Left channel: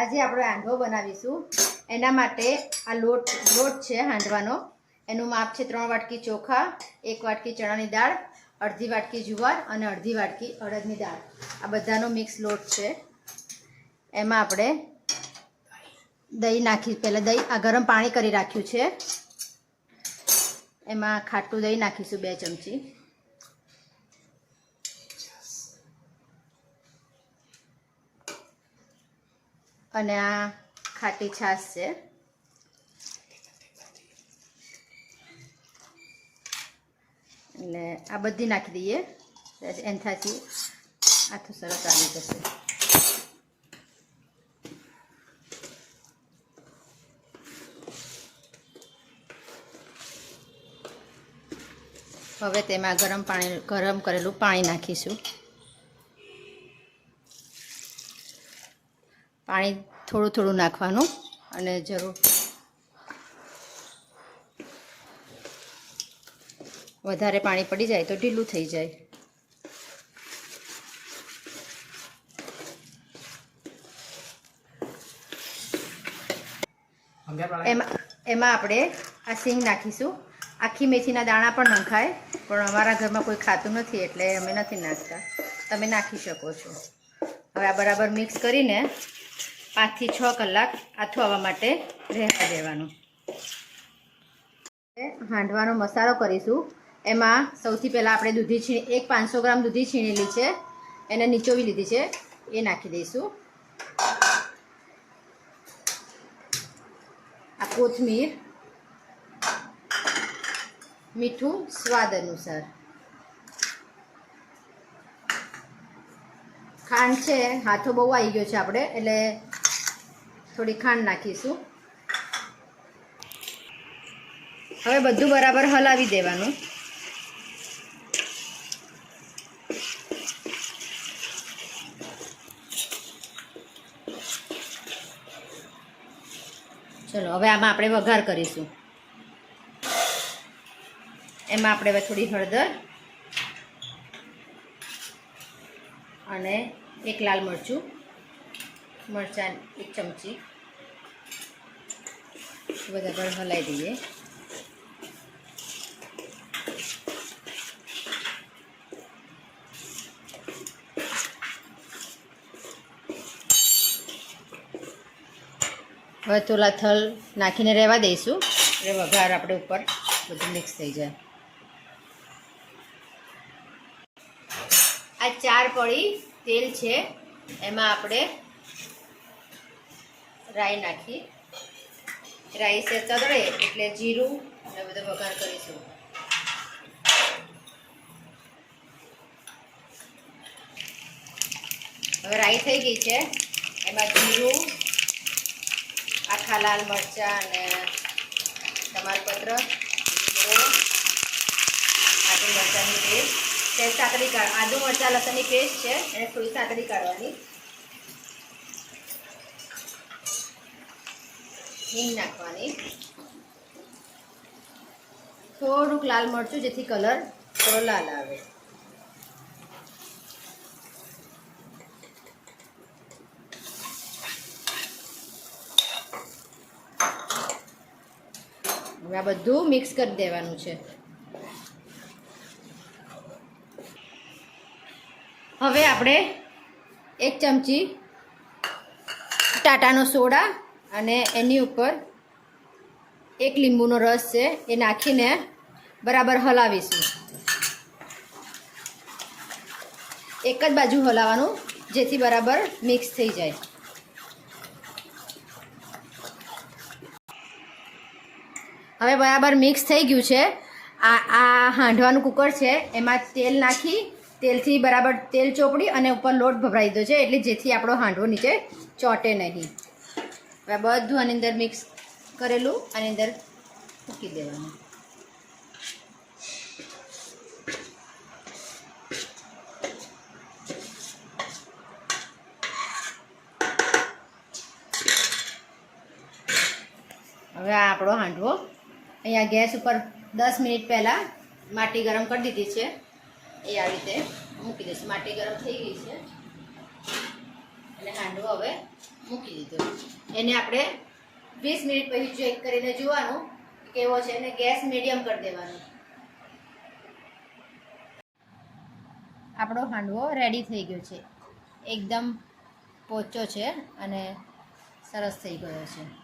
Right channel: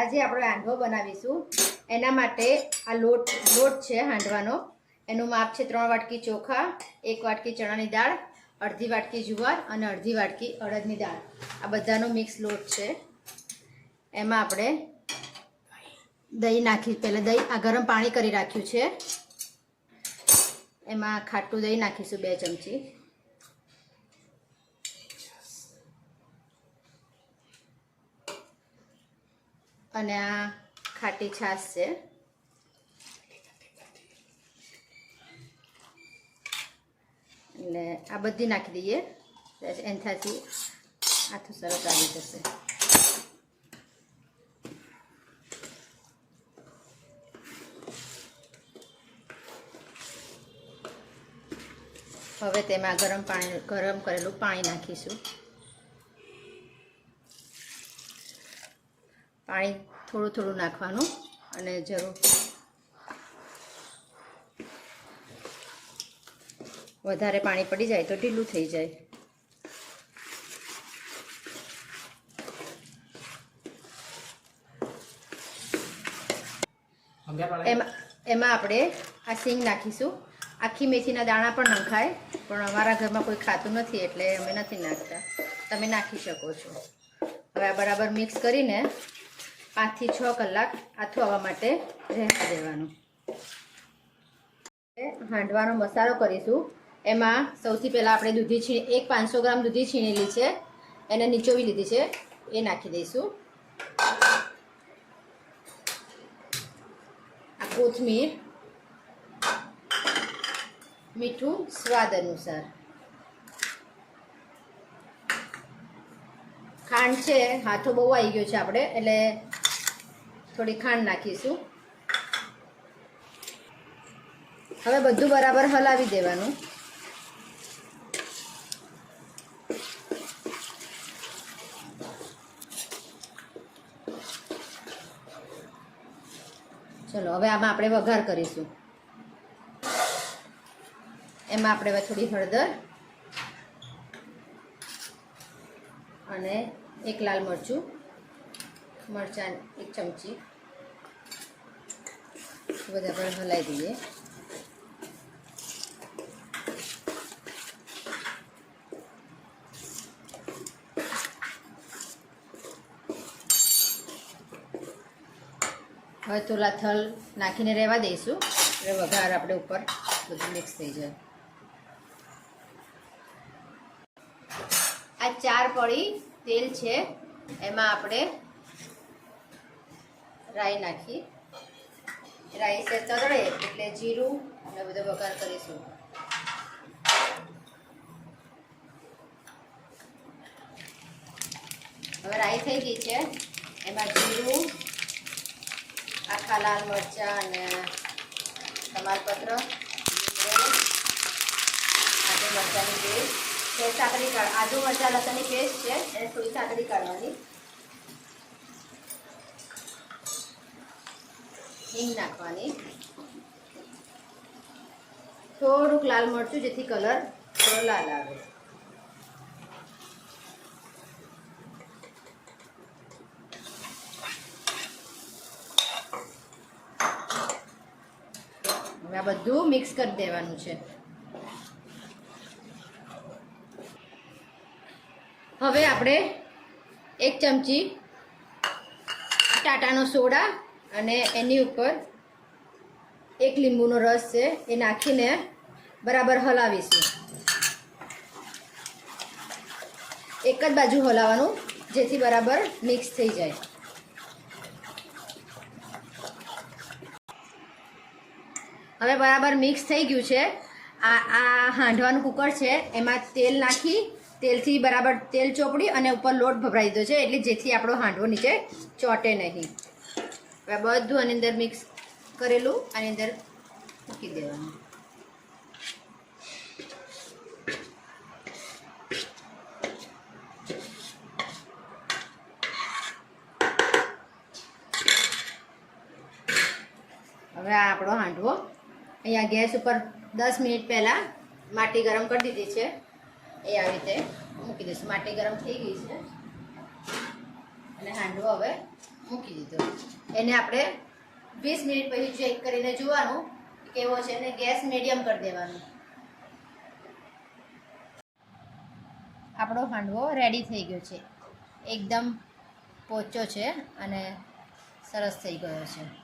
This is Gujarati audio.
આજે આપણે હાંડવો બનાવીશું। એના માટે આ લોટ છે હાંડવાનો। એનું માપ છે 3 વાટકી ચોખા, 1 વાટકી ચણાની દાળ, અડધી વાટકી જુવાર અને અડધી વાટકી અડદની દાળ। આ બધાનો મિક્સ લોટ છે। એમાં આપણે દહીં નાખી, પહેલાં દહીં આ ગરમ પાણી કરી રાખ્યું છે। એમાં ખાટું દહીં નાખીશું 2 ચમચી। અને આ ખાટી છાશ છે। એટલે આ બધી નાખી દઈએ, એનાથી આથું સરસ આવી જશે। હવે તેમાં ગરમ કરેલું પાણી નાખીશું। પાણી થોડું થોડું નાખવાનું અને જરૂર વધારે પાણી પડી જાય તો ઢીલું થઈ જાય। એમાં આપણે આ સિંગ નાખીશું। આખી મેથીના દાણા પણ નખાય, પણ અમારા ઘરમાં કોઈ ખાતું નથી એટલે અમે નથી નાખતા, તમે નાખી શકો છો। હવે આ બરાબર મિક્સ કરીને 5 થી 6 કલાક આથું આવવા માટે રહેવા દેવાનું। હાંડવાનો મસાલો કરીશું। એમાં સૌથી પહેલાં આપણે દૂધી 500 ગ્રામ દૂધી છીણેલી છે, એને નીચોવી લીધી છે, એ નાખી દઈશું। આ કોથમીર, મીઠું સ્વાદ અનુસાર, ખાંડ છે, હાથો બહુ આવી ગયો છે આપણે એટલે થોડી ખાંડ નાખીશું। હવે બધું બરાબર હલાવી દેવાનું। ચલો હવે આમાં આપણે વઘાર કરીશું। એમાં આપણે હવે થોડી હળદર અને 1 લાલ મરચું, મરચાં 1 ચમચી બધા પર હલાવી દઈએ। હવે થોડા થલ નાખીને રહેવા દઈશું એટલે વઘાર આપણે ઉપર બધું મિક્સ થઈ જાય। આ 4 પડી તેલ છે, એમાં આપણે રાઈ નાખી, રાઈ સે તગડે એટલે જીરું અને બધો વઘાર કરીશું। હવે રાઈ થઈ ગઈ છે, એમાં જીરું, આખા લાલ મરચાં અને તમાલપત્ર, આદુ મરચાંની પેસ્ટ, સાકરી આદુ મરચાં લસણની પેસ્ટ છે એને થોડી સાકરી કાઢવાની, હિંગ નાખવાની, થોડુંક લાલ મરચું જેથી કલર થોડો લાલ આવે। હવે આ બધું મિક્સ કરી દેવાનું છે। હવે આપણે 1 ચમચી ટાટાનો સોડા અને એની ઉપર 1 લીંબુનો રસ છે એ નાખીને બરાબર હલાવીશું। એક જ બાજુ હલાવવાનું જેથી બરાબર મિક્સ થઈ જાય। હવે બરાબર મિક્સ થઈ ગયું છે। આ હાંડવાનું કુકર છે, એમાં તેલ નાખી, તેલથી બરાબર તેલ ચોપડી અને ઉપર લોટ ભભરાઈ દીધો છે એટલે જેથી આપણો હાંડવો નીચે ચોંટે નહીં। હવે બધું આની અંદર મિક્સ કરેલું આની અંદર મૂકી દેવાનું। હવે આ આપણો હાંડવો અહીંયા ગેસ ઉપર 10 મિનિટ પહેલાં માટી ગરમ કરી દીધી છે, એ આવી રીતે મૂકી દઈશું। માટી ગરમ થઈ ગઈ છે એટલે હાંડવો હવે મૂકી દીધો. એને આપણે 20 મિનિટ પછી ચેક કરીને જોવાનું કેવો છે અને ગેસ મીડિયમ કરી દેવાનો. આપણો હાંડવો રેડી થઈ ગયો છે. એકદમ પોચો છે અને સરસ થઈ ગયો છે.